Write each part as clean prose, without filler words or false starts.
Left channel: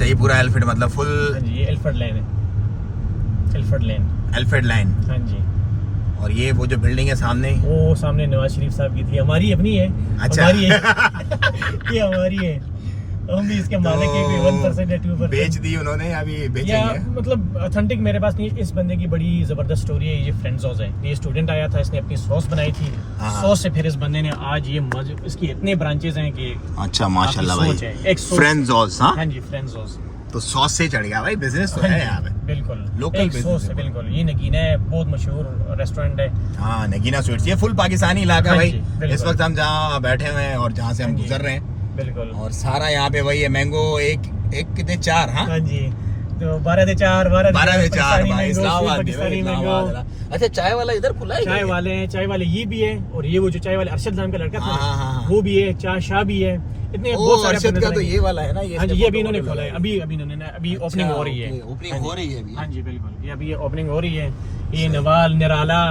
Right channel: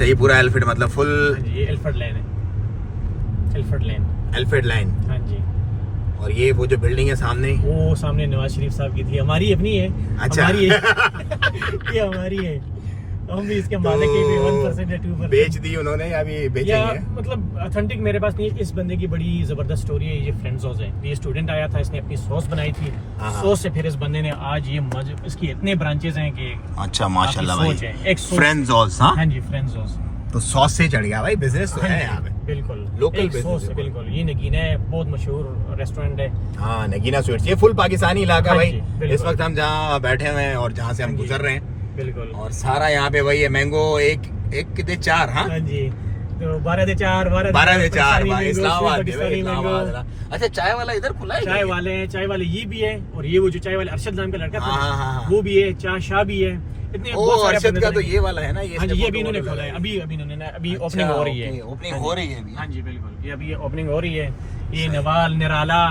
अच्छा ये पूरा एल्फिड मतलब फुल? हाँ जी, ये एल्फर्ड लेन है, एल्फर्ड लेन। एल्फिड लाइन। हाँ जी। और ये वो जो बिल्डिंग है सामने, वो सामने नवाज शरीफ साहब की थी, हमारी अपनी है। अच्छा। हमारी है। ये हमारी है, हम भी इसके मालिक हैं, कोई 1% या 2%। बेच दी उन्होंने या अभी बेचेंगे? मतलब ऑथेंटिक मेरे पास नहीं है। इस बंदे की बड़ी जबरदस्त स्टोरी है। ये फ्रेंड्स हाउस है, ये स्टूडेंट आया था, इसने अपनी सॉस बनाई थी, सॉस से फिर इस बंदे ने आज ये इसकी इतने ब्रांचेस हैं कि अच्छा माशाल्लाह भाई। एक फ्रेंड्स हाउस। हाँ जी, फ्रेंड्स हाउस। तो सॉस से चढ़ गया भाई, बिजनेस तो है यहाँ पे। बिल्कुल लोकल एक सॉस है, बिल्कुल। ये नगीना है, बहुत मशहूर रेस्टोरेंट है। हाँ नगीना स्वीट्स, ये फुल पाकिस्तानी इलाका भाई। बिल्कुल। इस वक्त हम जहाँ बैठे हुए हैं और जहाँ से हम गुजर रहे हैं, बिल्कुल। और सारा यहाँ पे वही है। मैंगो एक कितने 4? हाँ जी, तो 12 से 4 भाई, इस्लामाबाद। अच्छा चाय वाला इधर खुला है? चाय वाले ये भी है, और ये वो जो चाय वाले अरशद नाम का लड़का था वो भी है, चाय शाह भी है। इतने अरशद का तो ये वाला है ना? हाँ जी, ये अभी इन्होंने खोला है, अभी इन्होंने अभी ओपनिंग हो रही है। ओपनिंग हो रही है अभी? हाँ जी बिल्कुल, ये अभी ओपनिंग हो रही है। ये नवाल निराला,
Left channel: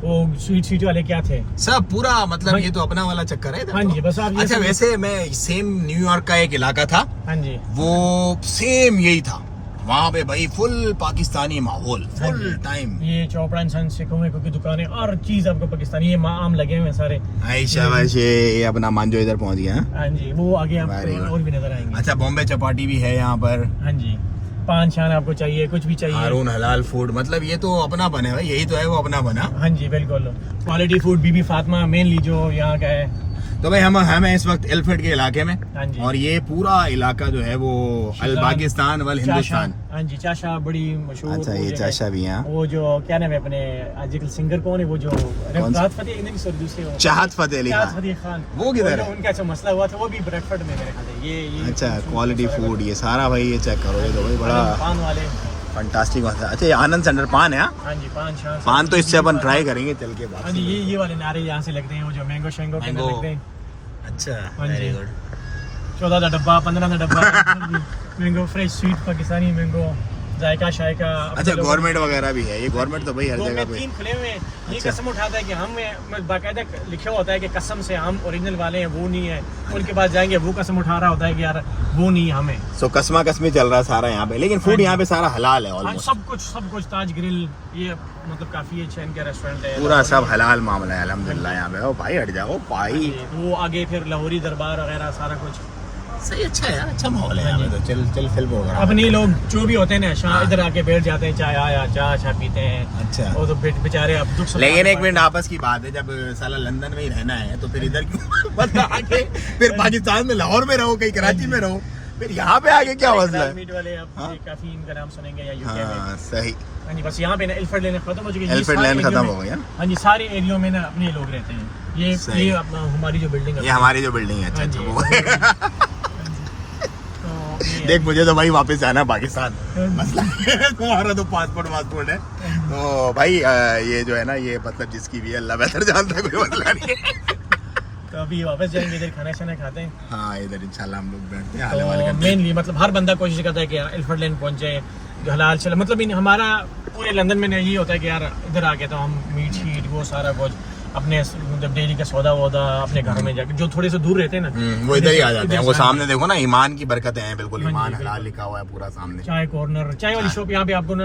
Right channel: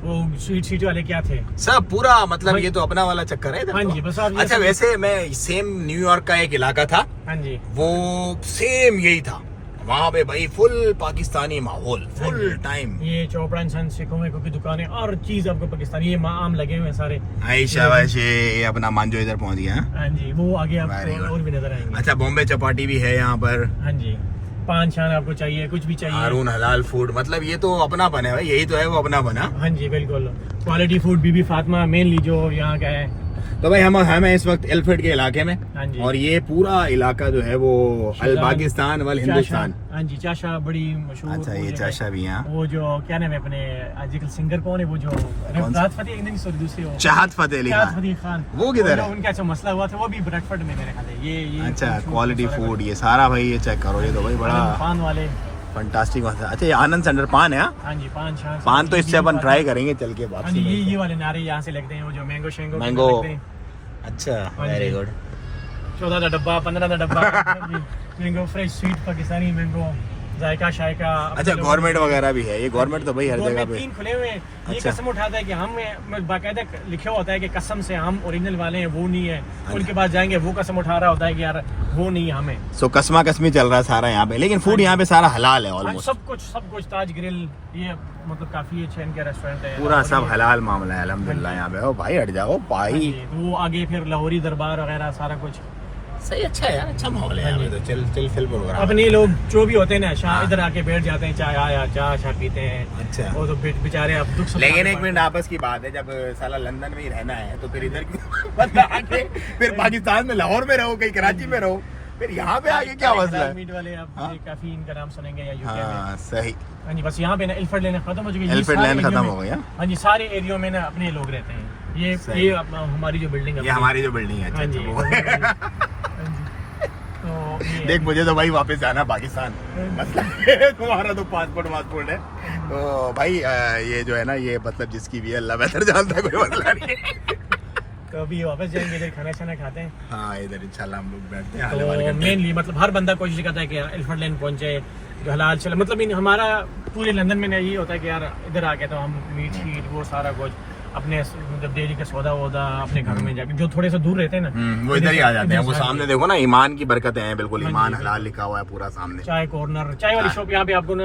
वो स्वीट वाले क्या थे, सब पूरा मतलब ये तो अपना वाला चक्कर है। हाँ जी, बस आप। अच्छा वैसे मैं सेम न्यूयॉर्क का एक इलाका था, हाँ जी, वो सेम यही था। वहाँ पे भाई फुल पाकिस्तानी माहौल फुल टाइम। ये चोपड़ा इंसान सिखों की दुकानें और चीज आपको पाकिस्तानी, ये आम लगे हुए हैं सारे। आयशा ये अपना मांजो इधर पहुँच गया। हाँ जी, वो आगे आपको और भी नजर आएंगे। अच्छा बॉम्बे चपाटी भी है यहाँ पर। हाँ जी, पान छान आपको चाहिए, कुछ भी चाहिए। हारून हलाल फूड, मतलब ये तो अपना बना है, यही तो है वो अपना बना। हाँ जी बिल्कुल, क्वालिटी फूड। बीबी फातिमा मेनली जो यहाँ का है। तो भाई हम हैं इस वक्त एल्फिड के इलाके में। हाँ जी। और ये पूरा इलाका जो है वो अल पाकिस्तान वाल हिंदुस्तान। हाँ जी, चाशा बड़ी मशहूर। अच्छा ये चाशा भी है। वो जो क्या नाम है अपने आजकल सिंगर कौन है, वो जो राहत फतेह दूसरे चाहत फतेह अली खान, वो किधर है? उनका ऐसा मसला हुआ था, वो भी ब्रेडफोर्ड में मेरे ख्याल है। ये अच्छा क्वालिटी फूड, ये सारा भाई ये चेक करो, ये तो भाई बड़ा पान वाले फंटास्टिक बात है। अच्छा ये आनंद सेंटर पान है? हाँ जी, पान तो इससे अपन ट्राई करेंगे चल के बाद। हाँ जी, ये वाले नारे यहाँ से लगते हैं, वो जो मैंगो शेंगो लगते हैं। अच्छा वेरी गुड। 14 का डब्बा, 15 का डब्बा। Mango fresh sweet Pakistani mango, जायका शायका। अच्छा गवर्नमेंट वगैरह भी है? ये गवर्नमेंट तो भाई हर जगह पे खुले हुए हैं। ये अच्छा। कसम उठाता है कि हम, बाकायदा लिखा होता है कि कसम से हम ओरिजिनल वाले हैं, वो नहीं है। उनके पास जाएंगे, वो कसम उठा रहा होता है कि यार वो नहीं हमें। सो कसमा कसमी चल रहा है सारा यहाँ पे, लेकिन फूड यहाँ पे सारा हलाल है। हाँ, सब कुछ ताज ग्रिल, ये मतलब काफी अच्छे इनके रेस्टोरेंट है, पूरा सब हलाल मामला है अल्हम्दुलिल्लाह यहाँ पे। ओ भाई हट जाओ भाई। वो आगे फिर लाहौरी दरबार वगैरह सारा कुछ सही। अच्छा है यार, अच्छा माहौल है यहाँ पे तो। चल फिल्म प्रोग्राम अपने लोग जो भी होते हैं ना, शाम इधर आके बैठ जाते हैं, चाय आया चाय पीते हैं। अच्छा वो तो बेचारे अब दुख। लेकिन एक मिनट आपस की बात है, जब साला लंदन में ही रहना है तो फिर इधर क्यों बंदा आके फिर पाकिस्तान में लाहौर में रहो, कहीं कराची में रहो, फिर यहाँ पे आके क्या मसला है? मीट वाले आप काफी इनका नाम सुनेंगे या हाँ सही। हाँ जी, बस यहाँ पे ना एल्फर्ड लेन खत्म हो चुकी है। एल्फिड लाइन खत्म हो गया। हाँ जी, सारे एरियो में ना अपने लोग रहते हैं। ये हमारी जो बिल्डिंग है, ये हमारी जो बिल्डिंग है। अच्छा अच्छा वो तो देख मुझे तो भाई वापस जाना है पाकिस्तान, मसला तुम्हारा तो पासपोर्ट है। तो भाई ये जो है ना, ये मतलब जिसकी भी है अल्लाह बेहतर जानता है, कोई मसला नहीं। तो अभी वापस जाएंगे, इधर खाना खाते हैं। हाँ इधर इंशाल्लाह हम लोग बैठते हैं, हाले वाले करते हैं। मेनली मतलब हर बंदा कोशिश करता है कि एल्फर्ड लेन पहुंचे, जो हलाल चले। मतलब हमारा पूरे लंदन में ये होता है कि यार इधर आ गया तो हम मीट शीट वो सारा कुछ अपने जब डेली का सौदा वौदा अपने घरों में जाके, जो थोड़े से दूर रहते हैं ना वो इधर ही आ जाते हैं। वो सामने देखो ना, ईमान की बरकतें हैं बिल्कुल, ईमान हलाल लिखा हुआ है पूरा सामने। चाय कॉर्नर, चाय वाली शॉप यहाँ पे आपको ना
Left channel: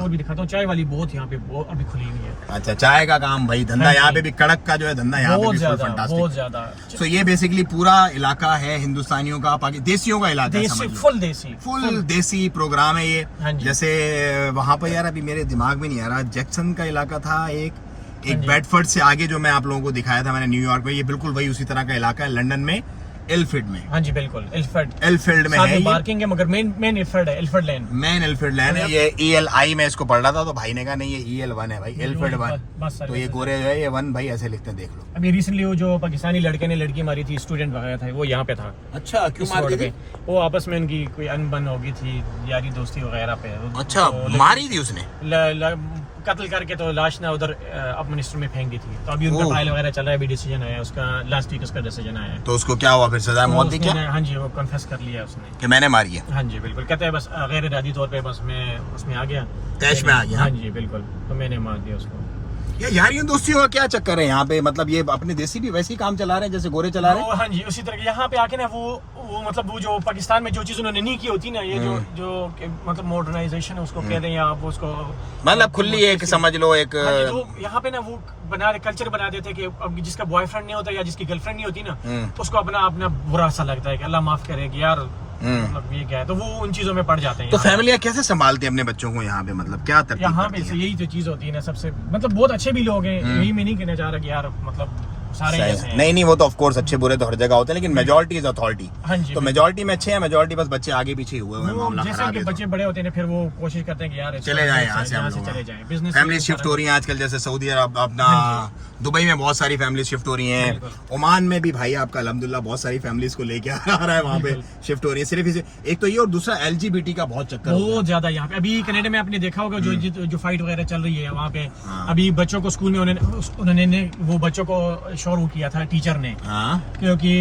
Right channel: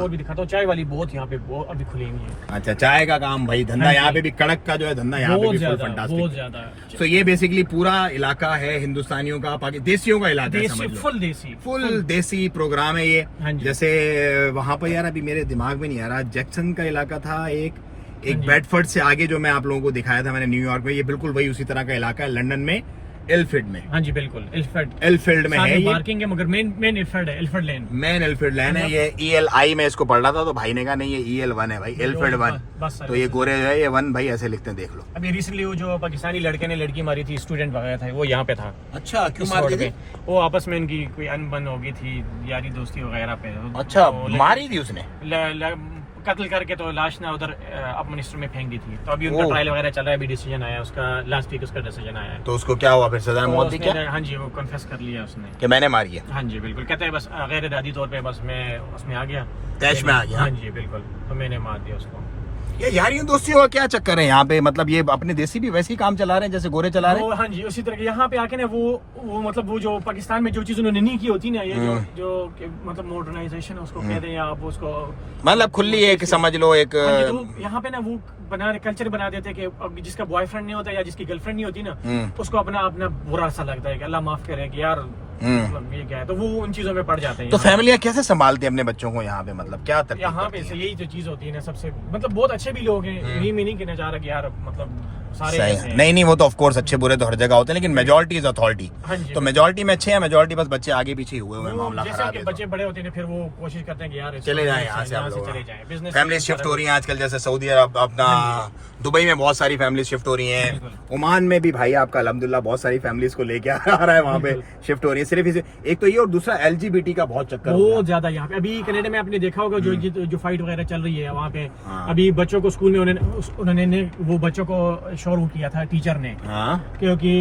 वो भी दिखाता हूँ। चाय वाली बहुत यहाँ पे अभी खुली हुई है। अच्छा चाय का काम भाई, धंधा यहाँ पे भी कड़क का जो है धंधा यहाँ पे भी फुल फंटास्टिक, बहुत ज्यादा। तो ये बेसिकली पूरा इलाका है हिंदुस्तानियों का, देसियों का इलाका है, समझ लो फुल देसी प्रोग्राम है ये। जैसे वहाँ पर यार अभी मेरे दिमाग में नहीं आ रहा, जैक्सन का इलाका था एक बेडफोर्ड से आगे जो मैं आप लोगों को दिखाया था मैंने न्यूयॉर्क में, ये बिल्कुल वही उसी तरह का इलाका है लंदन में, एल्फिड में। हाँ जी बिल्कुल, एल्फिड में है ये। पार्किंग है, मगर मेन एल्फर्ड है, एल्फर्ड लेन। मेन एल्फिड लेन है ये। ELI में इसको पढ़ रहा था तो भाई ने कहा नहीं ये EL1 है भाई, एल्फिड 1। तो ये गोरे जो है ये 1 भाई ऐसे लिखते हैं, देख लो। अभी रिसेंटली वो जो पाकिस्तानी लड़के ने लड़की मारी थी, स्टूडेंट वगैरह था, वो यहाँ पे था। अच्छा क्यों मार दी? वो आपस में उनकी कोई अनबन हो गई थी, यारी दोस्ती वगैरह पे। अच्छा मारी थी उसने? कत्ल करके तो लाश ना उधर अब मिनिस्टर में फेंक दी थी। तो अभी उनका ट्रायल वगैरह चल रहा है, अभी डिसीजन आया उसका, लास्ट वीक उसका डिसीजन आया है। तो उसको क्या हुआ फिर, सजा मौत दी क्या? हाँ जी, वो कन्फेस कर लिया उसने कि मैंने मारी है। हाँ जी बिल्कुल, कहते हैं बस गैर इरादी तौर पे बस मैं उसमें आ गया, तैश में आ गया। हाँ जी बिल्कुल, तो मैंने मार दिया उसको। यारियों दोस्तियों का क्या चक्कर है यहाँ पे? मतलब ये अपने देसी भी वैसे ही काम चला रहे हैं जैसे गोरे चला रहे हैं? हाँ जी, उसी तरह के यहाँ पे आके ना वो मतलब वो जो पाकिस्तान में जो चीज उन्होंने नहीं की होती ना, ये जो मतलब मॉडर्नाइजेशन है उसको कह दें या आप उसको मतलब खुली एक समझ लो एक। हाँ जी, तो यहाँ पे ना वो कल्चर बना देते हैं कि अब जिसका बॉयफ्रेंड नहीं होता या जिसकी गर्लफ्रेंड नहीं होती ना, उसको अपना बुरा सा लगता है कि अल्लाह माफ करे कि यार मतलब ये क्या है, तो वो उन चीजों में पड़ जाते हैं। तो फैमिलियाँ कैसे संभालते हैं अपने बच्चों को यहाँ पे? मतलब क्या तरतीब यहाँ पे यही तो चीज होती है ना सबसे, मतलब बहुत अच्छे भी लोग हैं, यही मैं नहीं कहना चाह रहा कि यार मतलब सारे ऐसे हैं। नहीं वो तो ऑफ कोर्स अच्छे बुरे तो हर जगह होते हैं, लेकिन मेजोरिटी इज अथॉरिटी। हाँ जी, तो मेजोरिटी में अच्छे हैं, मेजोरिटी बस बच्चे आगे पीछे हुए मामला जैसे खराब कि है। बच्चे बड़े होते हैं फिर वो कोशिश करते हैं कि यार चले जाएं यहाँ से हम लोग। चले जाएं, बिजनेस फैमिली शिफ्ट हो रही है आजकल, जैसे सऊदी अरब, अपना दुबई में बहुत सारी फैमिली शिफ्ट हो रही हैं। ओमान में भी भाई आपका अल्हम्दुलिल्लाह बहुत सारी फैमिलीज को लेके आ रहा है, वहाँ पे शिफ्ट हो रही है। सिर्फ एक तो ये, और दूसरा LGBT का बहुत चक्कर बहुत ज्यादा यहाँ पे। अभी कनाडा में आपने देखा होगा जो फाइट वगैरह चल रही है वहाँ पे, अभी बच्चों को स्कूल में उन्होंने वो बच्चों को शुरू किया था टीचर ने, क्योंकि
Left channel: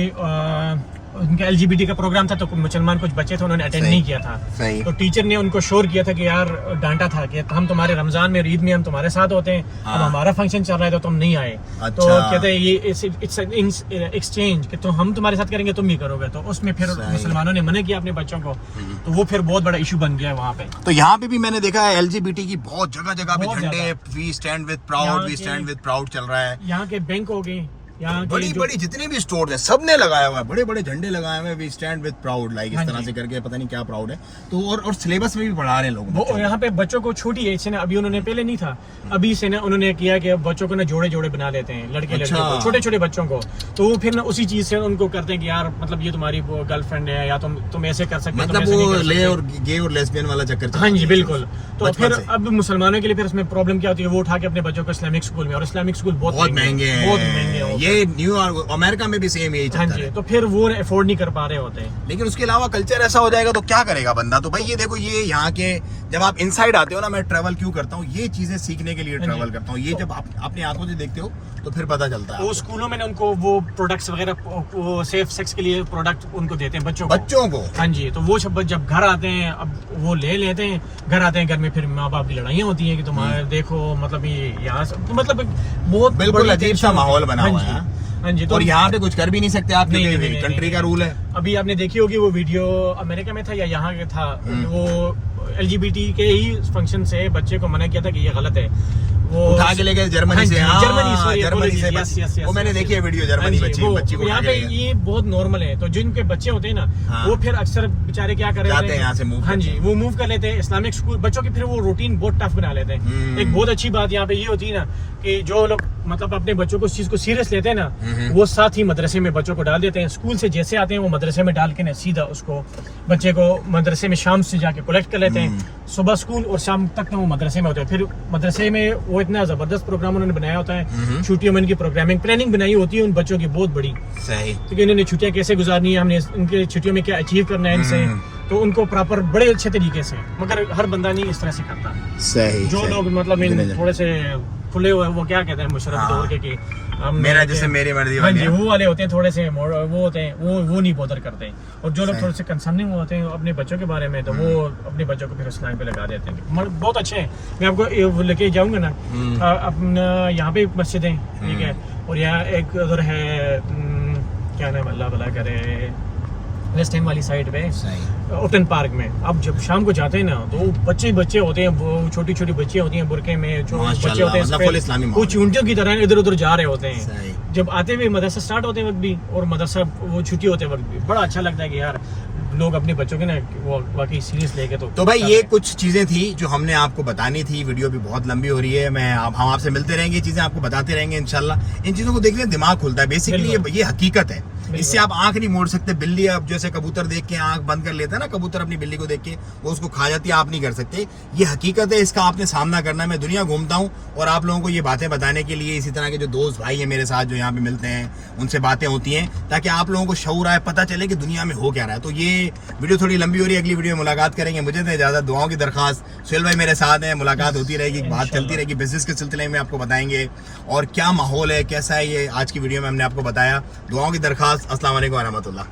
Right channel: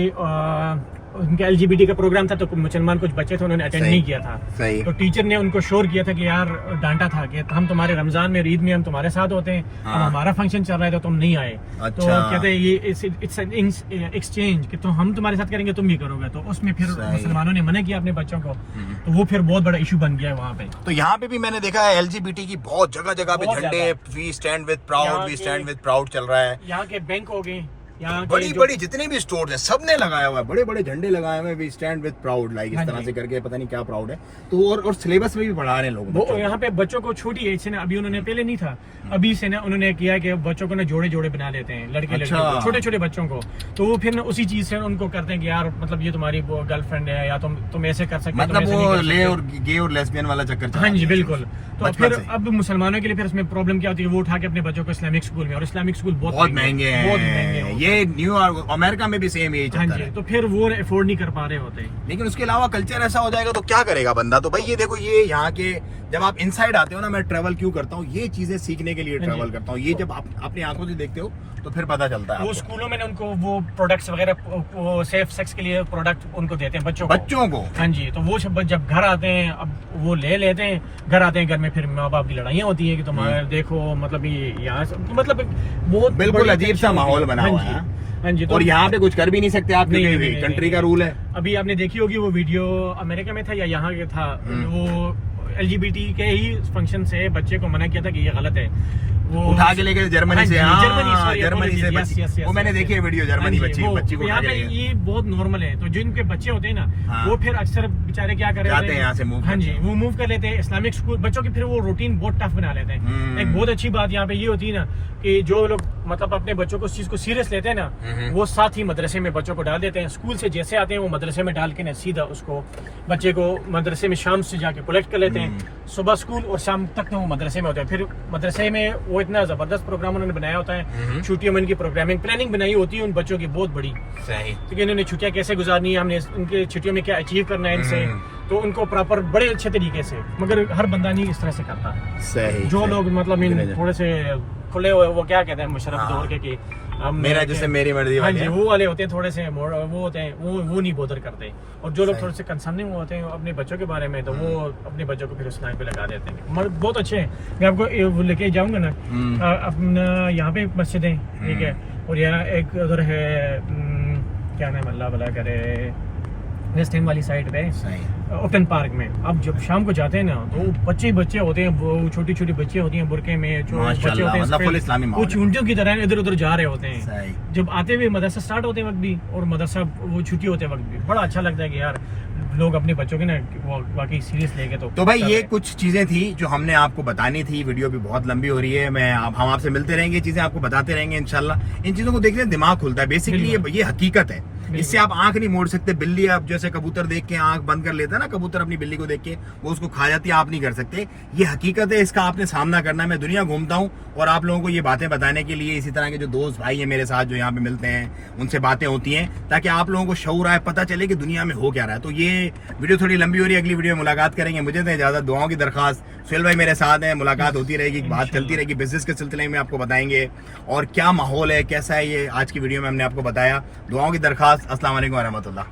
उनका LGBT का प्रोग्राम था तो मुसलमान कुछ बच्चे थे उन्होंने अटेंड नहीं किया था। तो टीचर ने उनको शोर किया था कि यार डांटा था कि हम तुम्हारे रमजान में ईद में हम तुम्हारे साथ होते हैं, तो हमारा फंक्शन चल रहा है तो तुम नहीं आए। तो कहते हैं ये इट्स एन एक्सचेंज कि तो हम तुम्हारे साथ करेंगे तुम भी करोगे। तो उसमें फिर मुसलमानों ने मना किया अपने बच्चों को, तो वो फिर बहुत बड़ा इशू बन गया वहाँ पे। तो यहाँ पे भी मैंने देखा है LGBT की बहुत जगह जगह पे झंडे, we stand with proud, we stand with proud चल रहा है। यहाँ के बैंक हो गए, बड़ी जितने भी स्टोर हैं सब ने लगाया हुआ है, बड़े बड़े झंडे लगाए हुए हैं, we stand with proud, like इस तरह से करके, पता नहीं क्या प्राउड है। तो और सिलेबस में भी पढ़ा रहे हैं लोग। वो यहाँ पे बच्चों को छोटी एज से ना, अभी उन्होंने पहले नहीं था, अभी से ना उन्होंने किया कि बच्चों को ना जोड़े जोड़े बना देते हैं, लड़के लड़के छोटे छोटे बच्चों को। तो वो फिर ना उसी चीज से उनको करते हैं कि यार मतलब ये तुम्हारी गर्लफ्रेंड है या तुम ऐसे कर सकते हो, मतलब वो ले और गे और लेस्बियन वाला चक्कर। हाँ जी बिल्कुल। तो फिर अब मुसलमानों के लिए फिर उसमें प्रॉब्लम क्या होती है, वो उठा के अपने बच्चों को इस्लामिक स्कूल में, और इस्लामिक स्कूल बहुत महंगे हैं। ये न्यूयॉर्क अमेरिका में भी सेम यही चक्कर है। तो फिर वो अफोर्ड नहीं कर पा रहे होते हैं। लेकिन उसके अलावा कल्चर ऐसा हो जाएगा तो क्या करेगा बंदा? तो भाई ये देखो, ये यहाँ के जब आप इनसाइड आते हो ना, मैं ट्रैवल क्यों करता हूँ, ये चीजें सीखने के लिए ट्रैवल करता हूँ। ये जब आप अपनी आंखों से देखते हो तो फिर पता चलता है। वो स्कूलों में उनको वो प्रोडक्ट्स वगैरह सेफ सेक्स के लिए प्रोडक्ट उनको देते हैं बच्चों को। हाँ जी, तो वो जब घर आते हैं अब वो ले लेते हैं, घर आते हैं, घर में फिर माँ बाप की लड़ाइयाँ होती है कि तुम्हारे देखो मतलब यहाँ मतलब बहुत बिल्कुल अजीब सा माहौल बना हुआ है। हाँ जी, तो और यहाँ पे कुछ कर भी नहीं सकते आप, कंट्री का रूल है। अभी आपने देखी होगी वो वीडियो, अमेरिका में था या यहाँ के था, वो LGBT के ही फंक्शन से बच्चे को मना किया था कि ये गलत है, वो उठा के लेके जर्मनी से वो मैंने देखी है वीडियो, जर्मनी बच्ची को यहाँ पे ये बहुत नॉर्मल है। तो जिनके बच्चे होते हैं ना वो फिर अक्सर बेचारे क्या कर रहे हैं, यहाँ से मूव, हाँ जी वो मूव कर लेते हैं इस्लामिक स्कूल बच्चों की, फिर वो रूटीन बहुत टफ बना लेते हैं। एक बहुत अच्छी बात यहाँ पे ये होती है ना कि जो लोग मतलब अपने बच्चों को इस चीज को सीरियस लेते हैं ना, वो साथ ही मदरसे में बच्चों को डाल देते हैं। स्कूल से जैसे आते हैं वो मदरसे में डाल के ना सीधा उसको बच्चे को मदरसे में शाम से जाके कलेक्ट कर लेते हैं। सुबह स्कूल और शाम तक वो मदरसे में होते हैं। फिर मदरसे में वो इतना जबरदस्त प्रोग्राम उन्होंने बनाया होता है, छुट्टियों में उनकी प्रोग्रामिंग प्लानिंग बनाई होती है उन बच्चों की बहुत बड़ी, क्योंकि इन्होंने छुट्टियां कैसे गुजारनी है, हमने इनके छुट्टियों में क्या अचीव करना है इनसे, तो उनको प्रॉपर बड़े अच्छे तरीके से, मगर हर बंदा नहीं इस तरह से करता। जो लोग मतलब थोड़े से खुले हुए, वो क्या कहते हैं मुशर्रफ दौर के कि मेरा जैसे मेरी मर्जी वाले, वो वाले होते हैं, थोड़े से वो होते हैं, वो नहीं बॉदर करते। और जो लोग थोड़े से कंसर्निंग होते हैं अपने बच्चों के बारे में, तो वो अपने बच्चों को फिर उस लाइन पे लगा देते हैं। बहुत अच्छे हैं, मैं आपको लेके जाऊंगा ना, अपना यहाँ पे मस्जिद है, ठीक है, और यहाँ एक उधर है क्या नाम, अल्लाह भला करे, वेस्ट एंड वाली साइड पे ओटन पार्क में। अब जब शाम को जाते हैं ना तो बच्चे होते हैं, वो छोटी छोटी बच्चियां होती हैं बुरके में, जो बच्चे होते हैं वो चूंटियों की तरह इधर उधर जा रहे होते हैं। जब आते हुए मदरसा स्टार्ट होते वक्त भी और मदरसा वो छुट्टी होते वक्त भी बड़ा अच्छा लगता है कि यार लोग अपने बच्चों के ना वो वाकई सीरियस लेके। तो भाई ये कुछ चीजें थी जो हमने आपको बतानी थी। वीडियो भी बहुत लंबी हो रही है, हम आपसे मिलते रहेंगे, चीजें आपको बताते रहेंगे इंशाल्लाह। इन चीजों को देखने दिमाग खुलता है। बेसिकली ये हकीकत है, इससे आप आंख नहीं मोड़ सकते। बिल्ली आप जैसे कबूतर देख के आंख बंद कर लेता है ना, कबूतर अपनी बिल्ली को देख के वो उसको खा जाती है, आप नहीं कर सकते। ये हकीकत है, इसका आपने सामना करना है। मैं दुनिया घूमता हूँ और आप लोगों को ये बातें बताने के लिए इसी तरह के जो दोस्त भाई है मेरे साथ जो यहाँ पे मिलते हैं, उनसे बातें होती हैं ताकि आप लोगों को शऊर आए, पता चले कि दुनिया में हो क्या रहा है। तो ये वीडियो थोड़ी लंबी हो रही है, अगली वीडियो में मुलाकात करेंगे। मुझे तो इजाजत, दुआओं की दरखास्त। सुहेल भाई मेरे साथ हैं, मुलाकात होती रहेगी, बात चलती रहेगी। बिजनेस के सिलसिले में आपको बताएंगे और क्या माहौल है, कैसा है, ये आज की वीडियो में हमने आपको बताया। दुआओं की दरखास्त। अस्सलाम वालेकुम व रहमतुल्लाह।